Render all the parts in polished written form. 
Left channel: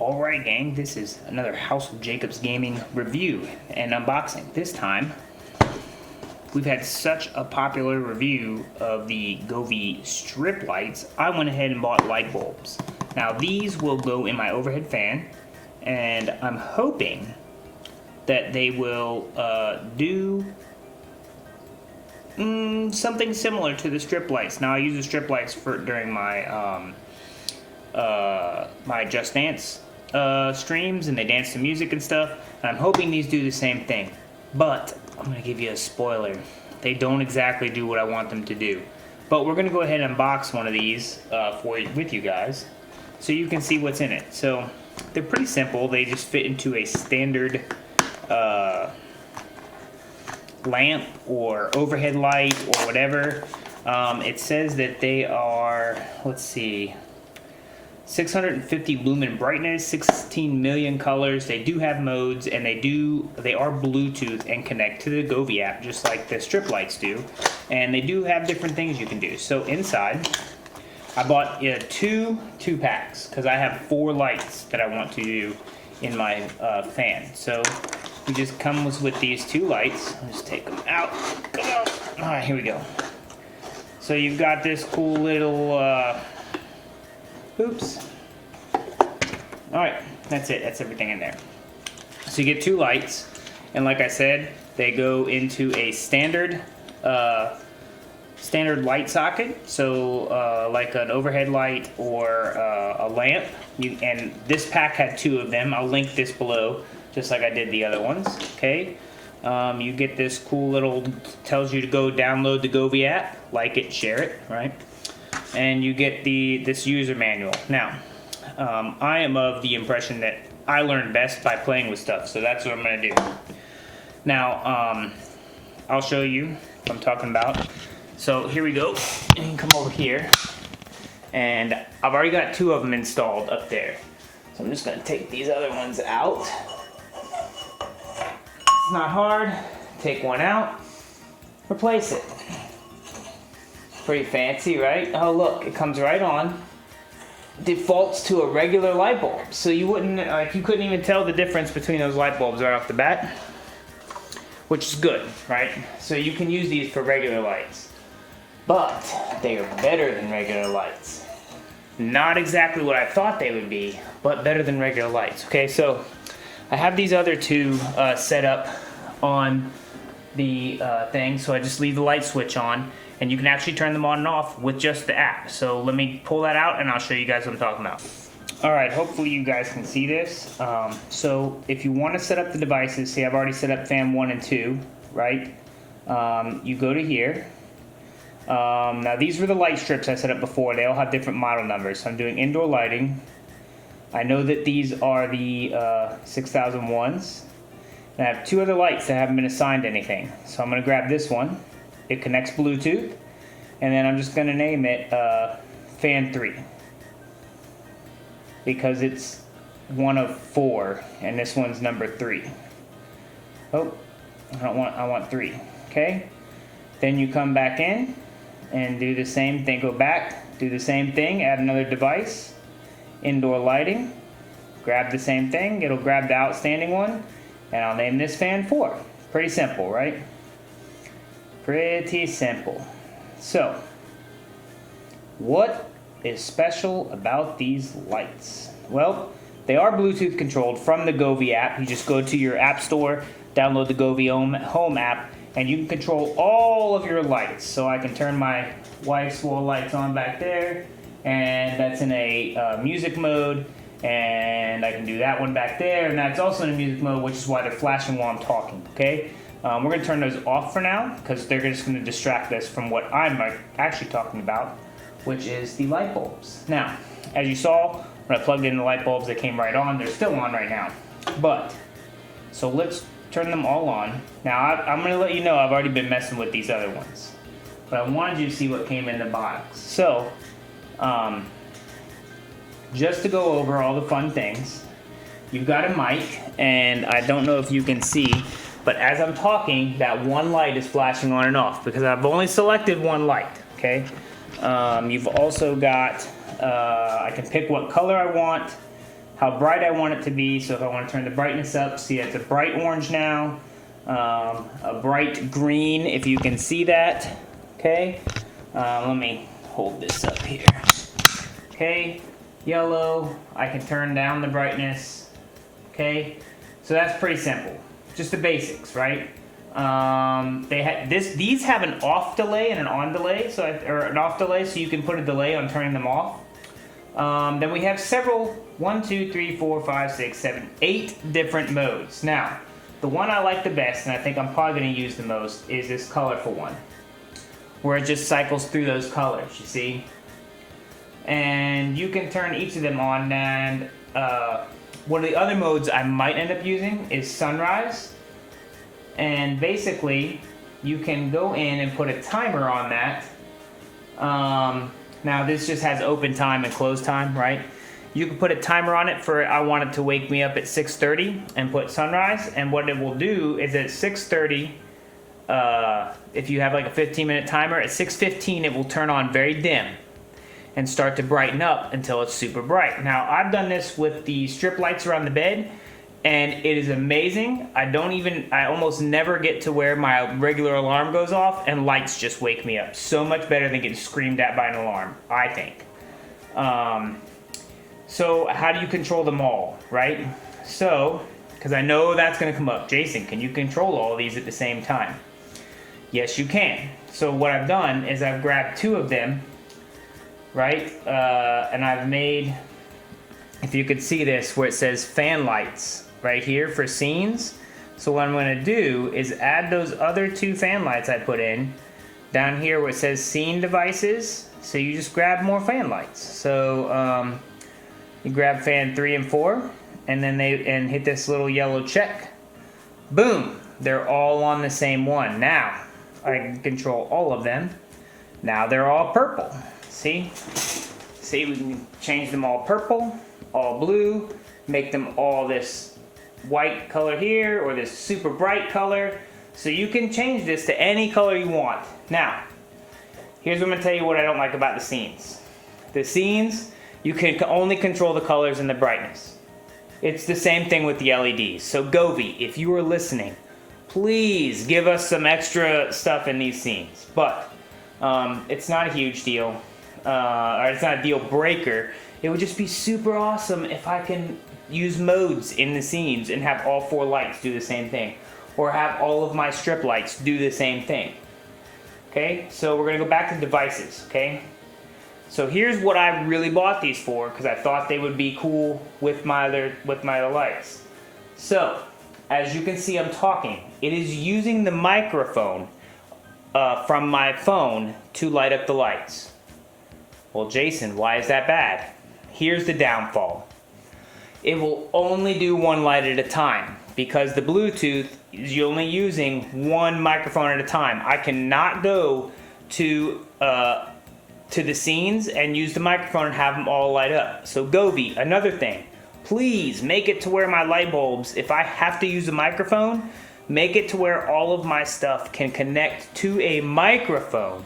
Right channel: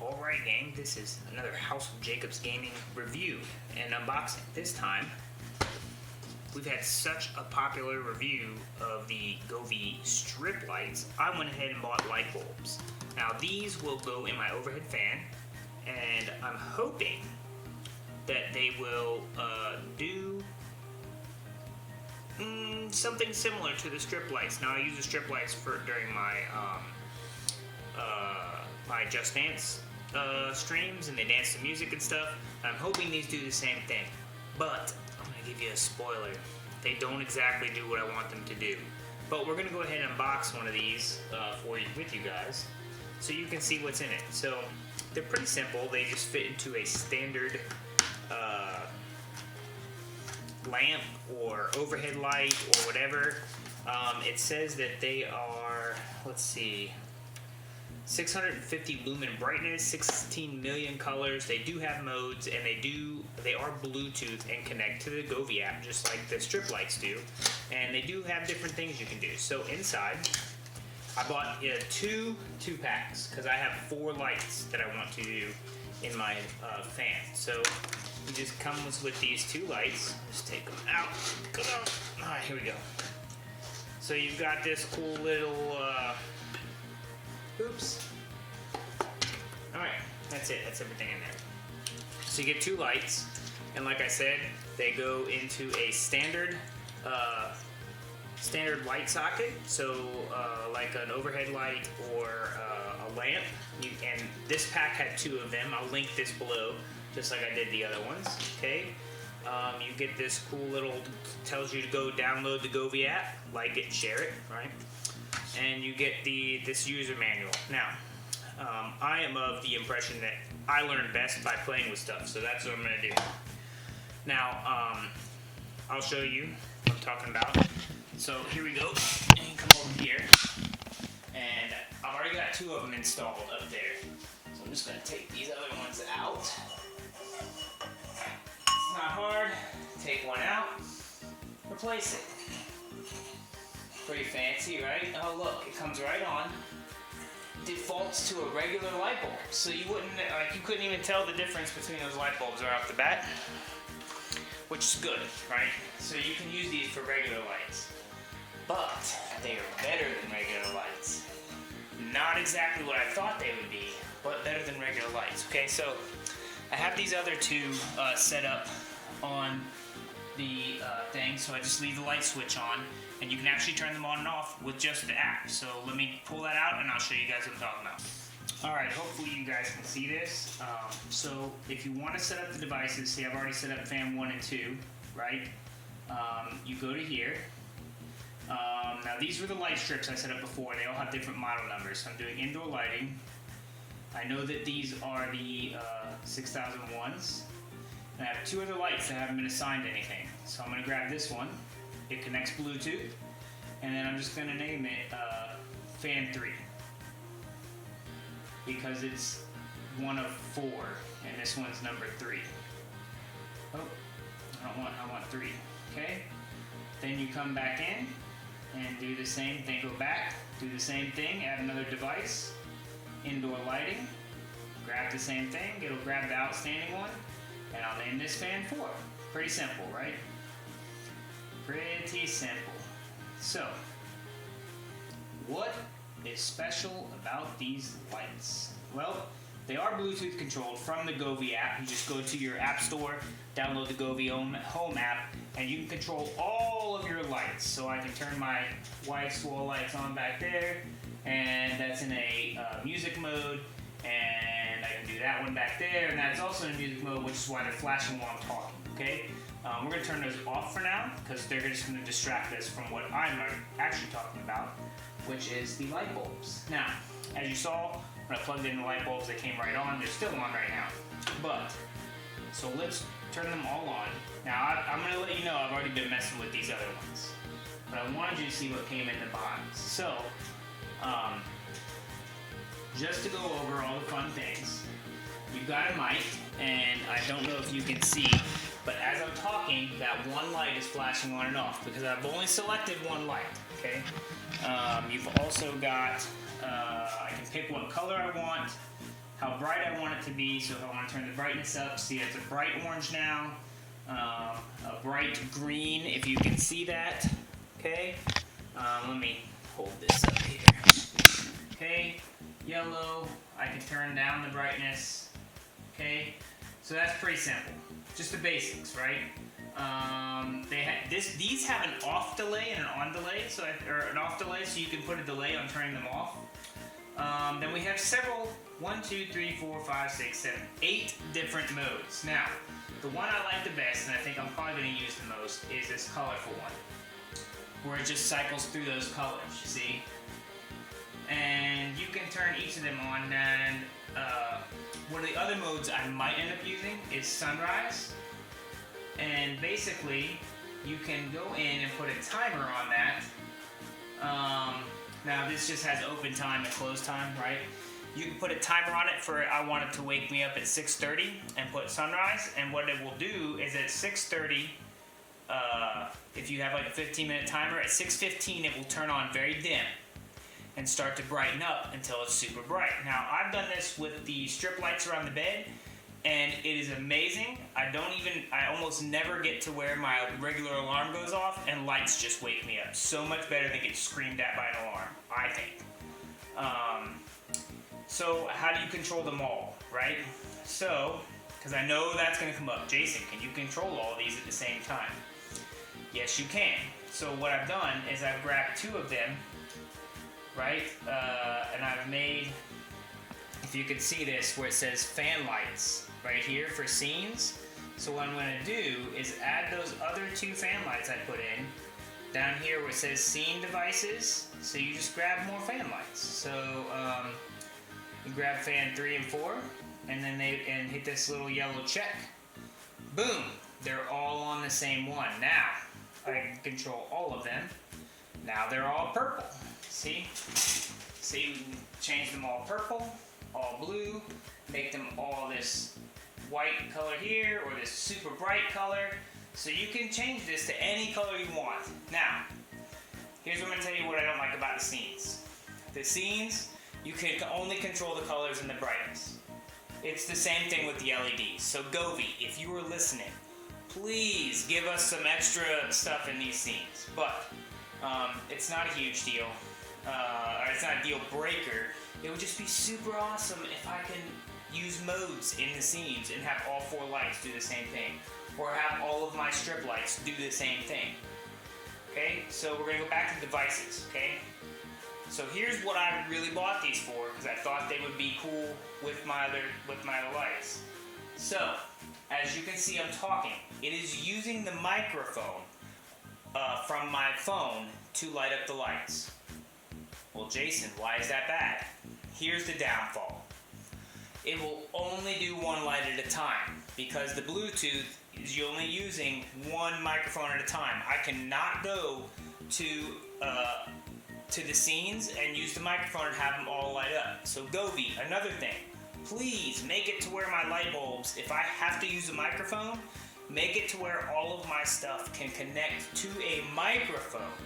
Alright gang, this is another House of Jacobs Gaming review and unboxing. This time, we've had such a popular review of the Govee strip lights, I went ahead and bought light bulbs. Now these will go in my overhead fan, and I'm hoping that they will do something similar to the strip lights. Now I use the strip lights during my my Just Dance streams, and they dance to music and stuff, and I'm hoping these do the same thing. But I'm gonna give you a spoiler, they don't exactly do what I want them to do. But we're gonna go ahead and unbox one of these with you guys so you can see what's in it. So they're pretty simple, they just fit into a standard lamp or overhead light or whatever. It says that they are, let's see, 650 lumen brightness, 16 million colors. They do have modes, and they are Bluetooth and connect to the Govee app just like the strip lights do. And they do have different things you can do. So inside, I bought two packs because I have 4 lights that I want to do in my fan. So we just comes with these 2 lights. Let's take them out. Come on. All right, here we go. So you've got this cool little oops. Alright, that's it. That's everything in there. So you get 2 lights, and like I said, they go into a standard light socket. So like an overhead light or a lamp. And this pack had 2 of them. I'll link this below, just like I did the other ones. Okay. You get this cool little, tells you to go download the Govee app, like it, share it, right? And you get this user manual. Now, I am of the impression that I learn best by playing with stuff, so that's what I'm going to do. Now, I'll show you what I'm talking about. So here we go. You can come over here, and I've already got 2 of them installed up there. So I'm just going to take these other ones out. It's not hard. Take one out, replace it. Pretty fancy, right? Oh look, it comes right on. Defaults to a regular light bulb, so you couldn't even tell the difference between those light bulbs right off the bat, which is good, right? So you can use these for regular lights, but they are better than regular lights. Not exactly what I thought they would be, but better than regular lights. Okay, so I have these other 2 set up on the thing, so I just leave the light switch on. And you can actually turn them on and off with just the app. So let me pull that out and I'll show you guys what I'm talking about. Alright, hopefully you guys can see this. So if you want to set up the devices, see I've already set up fan 1 and 2, right? You go to here. Now these were the light strips I set up before. They all have different model numbers. So I'm doing indoor lighting. I know that these are the 6001s. And I have 2 other lights that haven't been assigned anything. So I'm going to grab this one. It connects Bluetooth, and then I'm just going to name it Fan 3 because it's one of 4, and this one's number 3. Oh, I want 3. Okay. Then you come back in and do the same thing. Go back, do the same thing. Add another device. Indoor lighting. Grab the same thing. It'll grab the outstanding one, and I'll name this Fan 4. Pretty simple, right? Pretty simple. So, what is special about these lights? Well, they are Bluetooth controlled from the Govee app. You just go to your app store, download the Govee home app, and you can control all of your lights. So I can turn my wife's wall lights on back there, and that's in a music mode, and I can do that one back there, and that's also in a music mode, which is why they're flashing while I'm talking, okay? We're going to turn those off for now because they're just going to distract us from what I'm actually talking about, which is the light bulbs. Now, as you saw, when I plugged in the light bulbs, they came right on. They're still on right now. So let's turn them all on. Now, I'm going to let you know I've already been messing with these other ones, but I wanted you to see what came in the box. So, just to go over all the fun things, you've got a mic, and I don't know if you can see, but as I'm talking, that one light is flashing on and off because I've only selected one light, okay? You've also got, I can pick what color I want, how bright I want it to be. So if I want to turn the brightness up, see it's a bright orange now, a bright green if you can see that. Okay, let me hold this up here. Okay, yellow, I can turn down the brightness. Okay, so that's pretty simple, just the basics, right? These have an off delay and an on delay, or an off delay, so you can put a delay on turning them off. Then we have several, 1, 2, 3, 4, 5, 6, 7, 8 different modes. Now, the one I like the best, and I think I'm probably going to use the most, is this colorful one, where it just cycles through those colors, you see? And you can turn each of them on, and one of the other modes I might end up using is sunrise. And basically, you can go in and put a timer on that. Now this just has open time and close time, right? You can put a timer on it for, I want it to wake me up at 6:30 and put sunrise. And what it will do is at 6:30, if you have like a 15-minute timer, at 6:15 it will turn on very dim and start to brighten up until it's super bright. Now I've done this with the strip lights around the bed, and it is amazing. I almost never get to where my regular alarm goes off and lights just wake me up. So much better than getting screamed at by an alarm, I think. So how do you control them all, right? So, because I know that's gonna come up. Jason, can you control all of these at the same time? Yes, you can. So what I've done is I've grabbed 2 of them, right? And I've made, if you could see this, where it says fan lights right here for scenes. So what I'm going to do is add those other 2 fan lights I put in down here where it says scene devices. So you just grab more fan lights. So you grab fan 3 and 4, and then hit this little yellow check. Boom! They're all on the same one. Now I can control all of them. Now they're all purple. See? See, we can change them all purple, all blue, make them all this white color here, or this super bright color. So you can change this to any color you want. Now, here's what I'm gonna tell you what I don't like about the scenes. The scenes, you can only control the colors and the brightness. It's the same thing with the LEDs. So Govee, if you are listening, please give us some extra stuff in these scenes. But it's not a huge deal. Or it's not a deal breaker. It would just be super awesome if I can use modes in the scenes and have all 4 lights do the same thing, or have all of my strip lights do the same thing. Okay, so we're gonna go back to devices. Okay, so here's what I really bought these for, because I thought they would be cool with my other lights. So as you can see, I'm talking. It is using the microphone from my phone to light up the lights. Well, Jason, why is that bad? Here's the downfall. It will only do 1 light at a time, because the Bluetooth is only using 1 microphone at a time. I cannot go to the scenes and use the microphone and have them all light up. So Govee, another thing, please make it to where my light bulbs, if I have to use a microphone, make it to where all of my stuff can connect to a microphone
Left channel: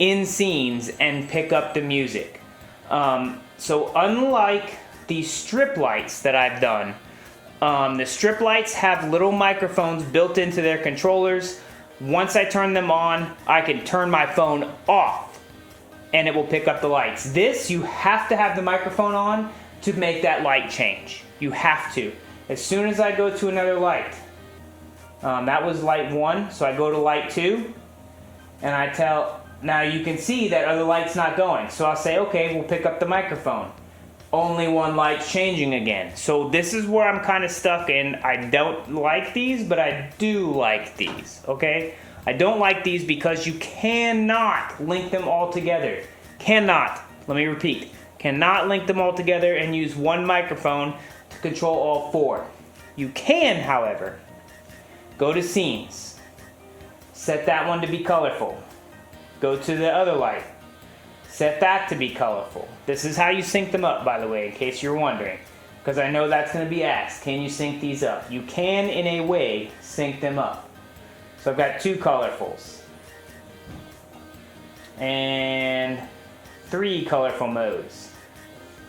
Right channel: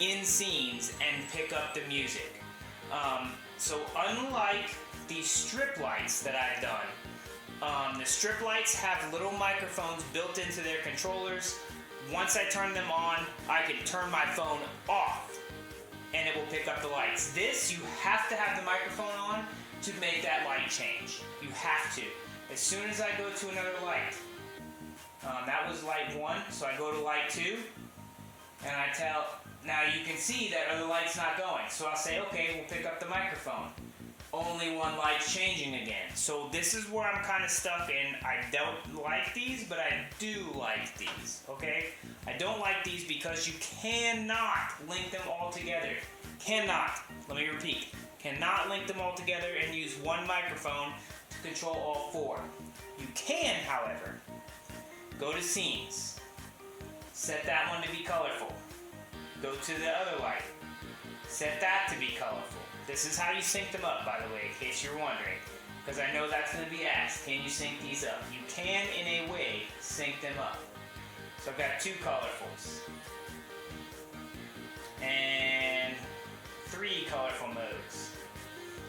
in scenes and pick up the music. So unlike the strip lights that I've done, the strip lights have little microphones built into their controllers. Once I turn them on, I can turn my phone off and it will pick up the lights. This, you have to have the microphone on to make that light change. You have to. As soon as I go to another light, that was light 1, so I go to light 2, and I tell, now you can see that other light's not going. So I'll say, okay, we'll pick up the microphone. Only 1 light's changing again. So this is where I'm kind of stuck in. I don't like these, but I do like these, okay? I don't like these because you cannot link them all together. Cannot, let me repeat, cannot link them all together and use 1 microphone to control all 4. You can, however, go to scenes, set that one to be colorful. Go to the other light, set that to be colorful. This is how you sync them up, by the way, in case you're wondering, because I know that's going to be asked. Can you sync these up? You can, in a way, sync them up. So I've got 2 colorfuls and 3 colorful modes.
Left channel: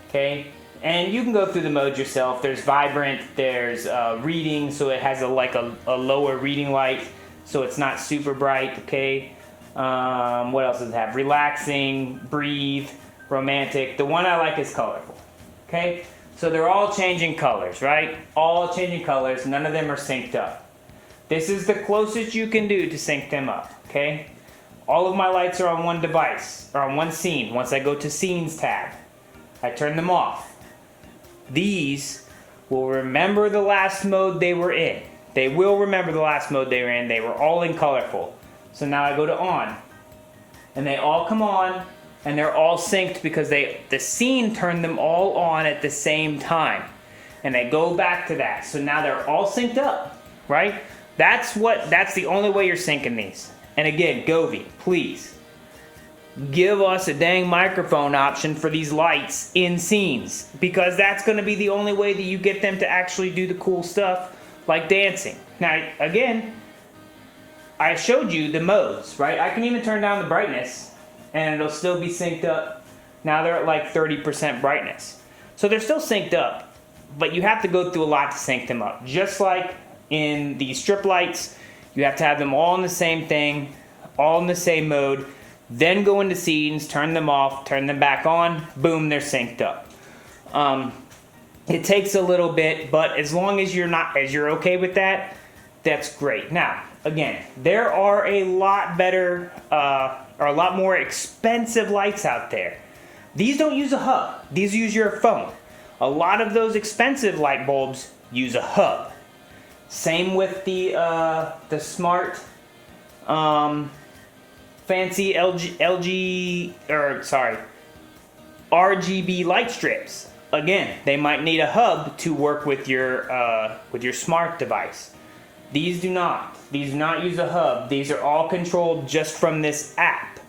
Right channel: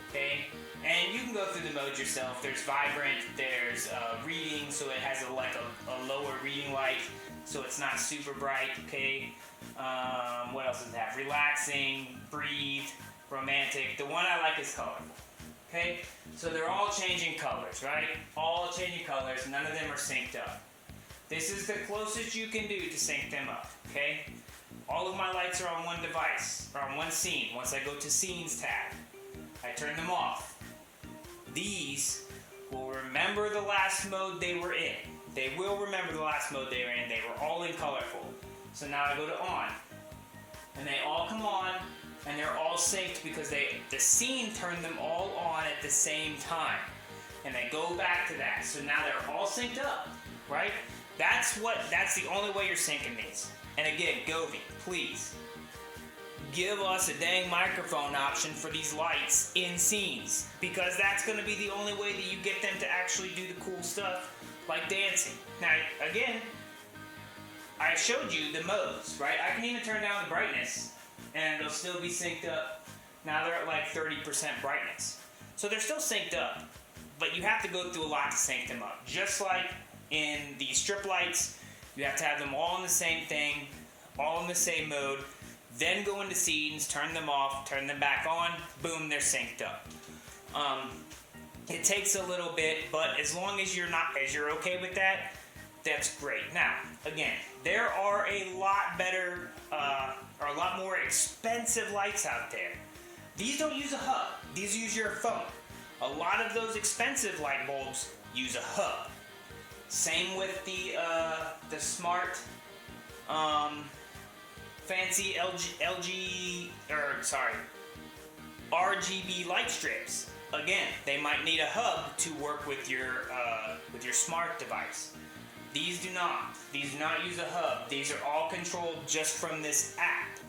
Okay, And you can go through the modes yourself. There's vibrant, there's reading, so it has a lower reading light, so it's not super bright, okay? What else does it have? Relaxing, breathe, romantic. The one I like is colorful, okay? So they're all changing colors, right? All changing colors, none of them are synced up. This is the closest you can do to sync them up, okay? All of my lights are on one device, or on one scene. Once I go to Scenes tab, I turn them off. These will remember the last mode they were in. They will remember the last mode they were in. They were all in colorful. So now I go to on, and they all come on, and they're all synced because the scene turned them all on at the same time. And they go back to that. So now they're all synced up, right? That's the only way you're syncing these. And again, Govee, please give us a dang microphone option for these lights in scenes, because that's going to be the only way that you get them to actually do the cool stuff like dancing. Now, again, I showed you the modes, right? I can even turn down the brightness and it'll still be synced up. Now they're at like 30% brightness. So they're still synced up, but you have to go through a lot to sync them up. Just like in the strip lights, you have to have them all in the same thing, all in the same mode, then go into scenes, turn them off, turn them back on, boom, they're synced up. It takes a little bit, but as long as you're okay with that, that's great. Now, again, there are a lot better, or a lot more expensive lights out there. These don't use a hub. These use your phone. A lot of those expensive light bulbs use a hub. Same with the smart, fancy RGB light strips. Again, they might need a hub to work with your smart device. These do not. These do not use a hub. These are all controlled just from this app.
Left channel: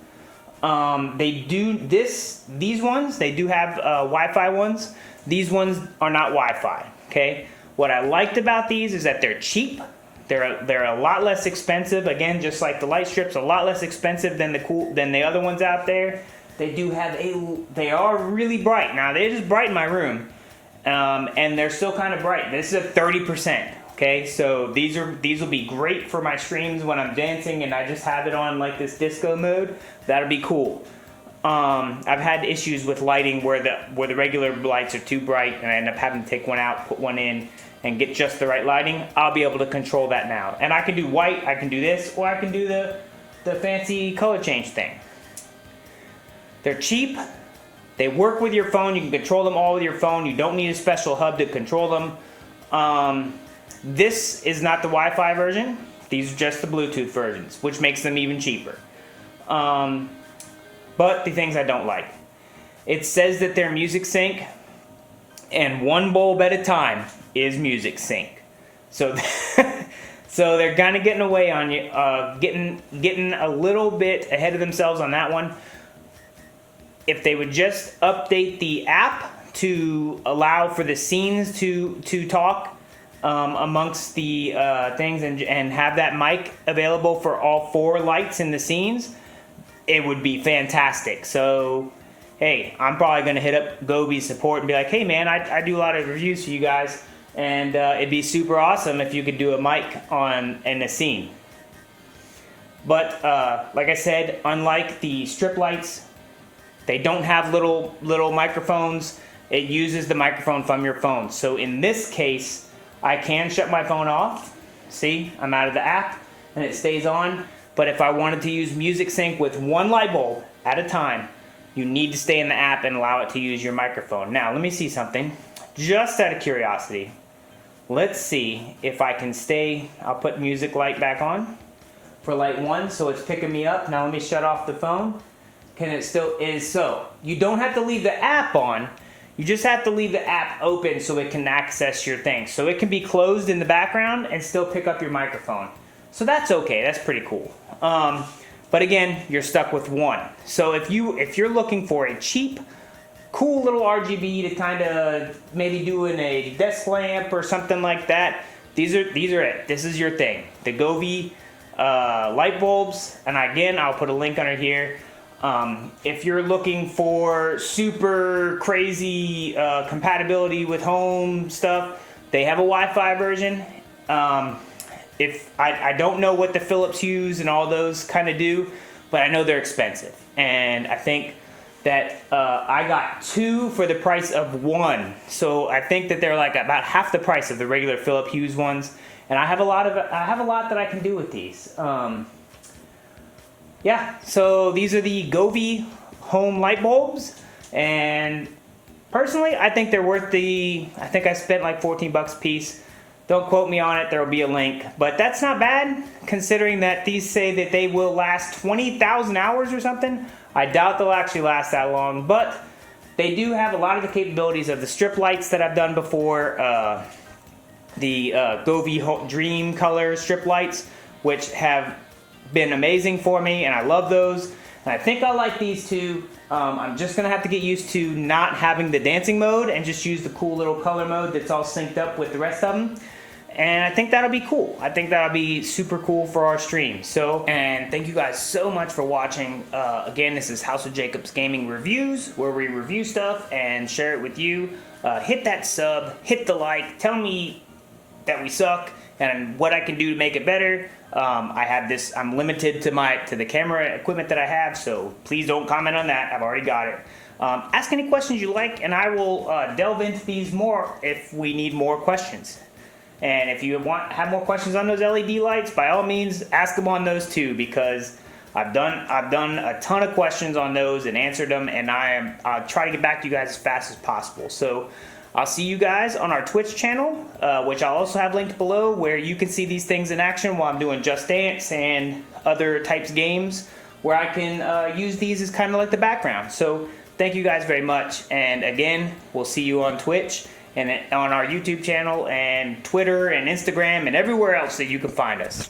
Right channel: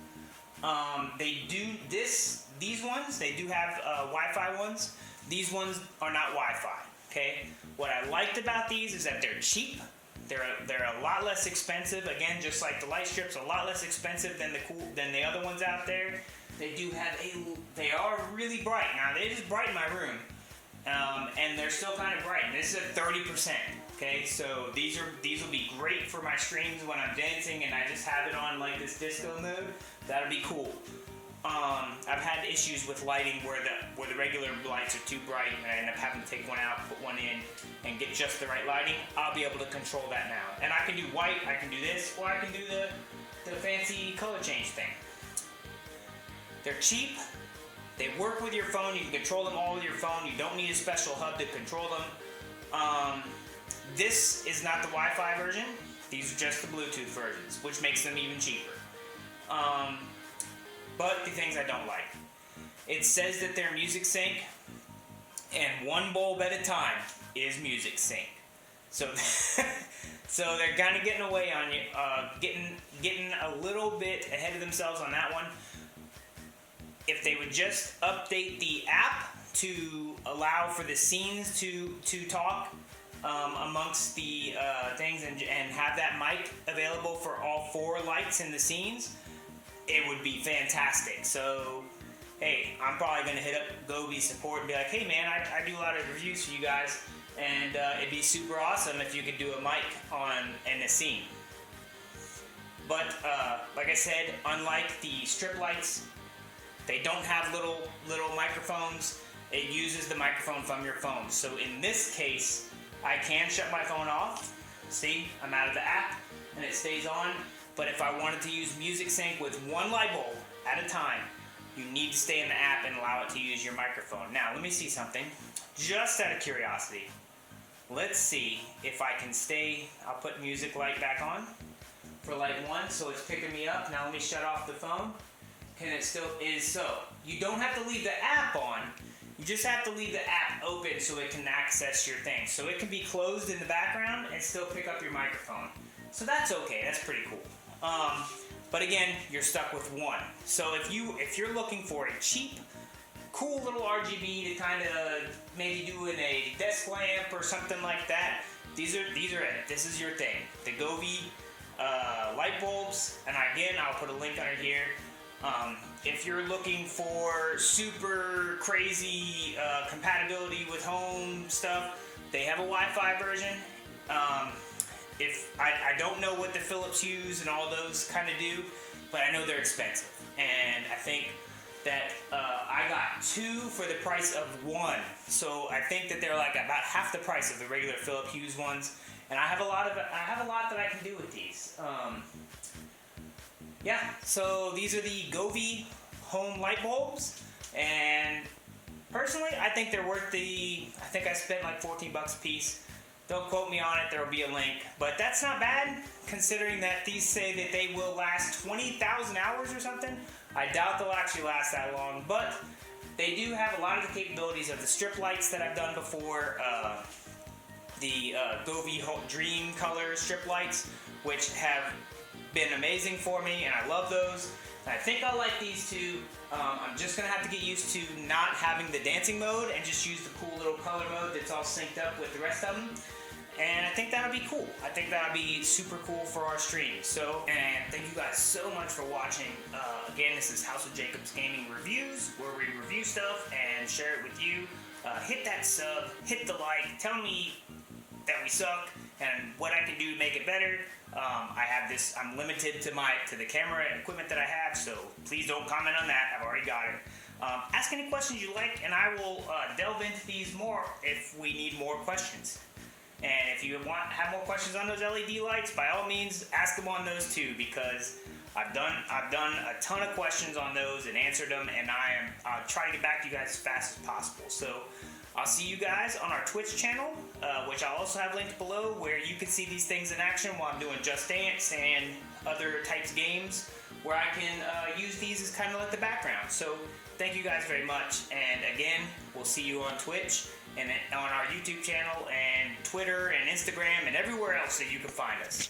These ones, they do have Wi-Fi ones. These ones are not Wi-Fi, okay? What I liked about these is that they're cheap. They're a lot less expensive. Again, just like the light strips, a lot less expensive than the other ones out there. They are really bright. Now, they just brighten my room, and they're still kind of bright. This is at 30%. Okay, so these will be great for my streams when I'm dancing and I just have it on like this disco mode. That'll be cool. I've had issues with lighting where the regular lights are too bright and I end up having to take one out, put one in, and get just the right lighting. I'll be able to control that now. And I can do white, I can do this, or I can do the fancy color change thing. They're cheap. They work with your phone. You can control them all with your phone. You don't need a special hub to control them. This is not the Wi-Fi version. These are just the Bluetooth versions, which makes them even cheaper. But the things I don't like. It says that they're music sync, and one bulb at a time is music sync. So, so they're kind of getting away on you, getting a little bit ahead of themselves on that one. If they would just update the app to allow for the scenes to talk amongst the things and have that mic available for all 4 lights in the scenes, it would be fantastic. So, hey, I'm probably going to hit up Govee support and be like, hey man, I do a lot of reviews for you guys, and it'd be super awesome if you could do a mic in a scene. But like I said, unlike the strip lights, they don't have little microphones. It uses the microphone from your phone. So in this case, I can shut my phone off. See, I'm out of the app and it stays on. But if I wanted to use music sync with one light bulb at a time, you need to stay in the app and allow it to use your microphone. Now, let me see something. Just out of curiosity, let's see if I can stay. I'll put music light back on for light 1, so it's picking me up. Now let me shut off the phone. Can it still is so? You don't have to leave the app on. You just have to leave the app open so it can access your thing. So it can be closed in the background and still pick up your microphone. So that's okay. That's pretty cool. But again, you're stuck with one. So if you're looking for a cheap, cool little RGB to kind of maybe do in a desk lamp or something like that, these are it. This is your thing. The Govee light bulbs, and again, I'll put a link under here. If you're looking for super crazy compatibility with home stuff, they have a Wi-Fi version. If I don't know what the Philips Hues and all those kind of do, but I know they're expensive, and I think that I got 2 for the price of 1. So I think that they're like about half the price of the regular Philips Hues ones, and I have a lot that I can do with these. Yeah, so these are the Govee home light bulbs, and personally, I think they're worth I think I spent like 14 bucks a piece. Don't quote me on it, there will be a link, but that's not bad considering that these say that they will last 20,000 hours or something. I doubt they'll actually last that long, but they do have a lot of the capabilities of the strip lights that I've done before, the Govee Dream Color strip lights, which have been amazing for me, and I love those. And I think I like these too. I'm just gonna have to get used to not having the dancing mode and just use the cool little color mode that's all synced up with the rest of them. And I think that'll be cool. I think that'll be super cool for our stream. So, and thank you guys so much for watching. Again, this is House of Jacobs Gaming Reviews, where we review stuff and share it with you. Hit that sub, hit the like, tell me that we suck and what I can do to make it better. I'm limited to the camera equipment that I have, so please don't comment on that. I've already got it. Ask any questions you like, and I will delve into these more if we need more questions. And if you have more questions on those LED lights, by all means, ask them on those too, because I've done a ton of questions on those and answered them, and I'll try to get back to you guys as fast as possible. So I'll see you guys on our Twitch channel, which I'll also have linked below, where you can see these things in action while I'm doing Just Dance and other types of games, where I can use these as kind of like the background. So thank you guys very much, and again, we'll see you on Twitch and on our YouTube channel and Twitter and Instagram and everywhere else that you can find us.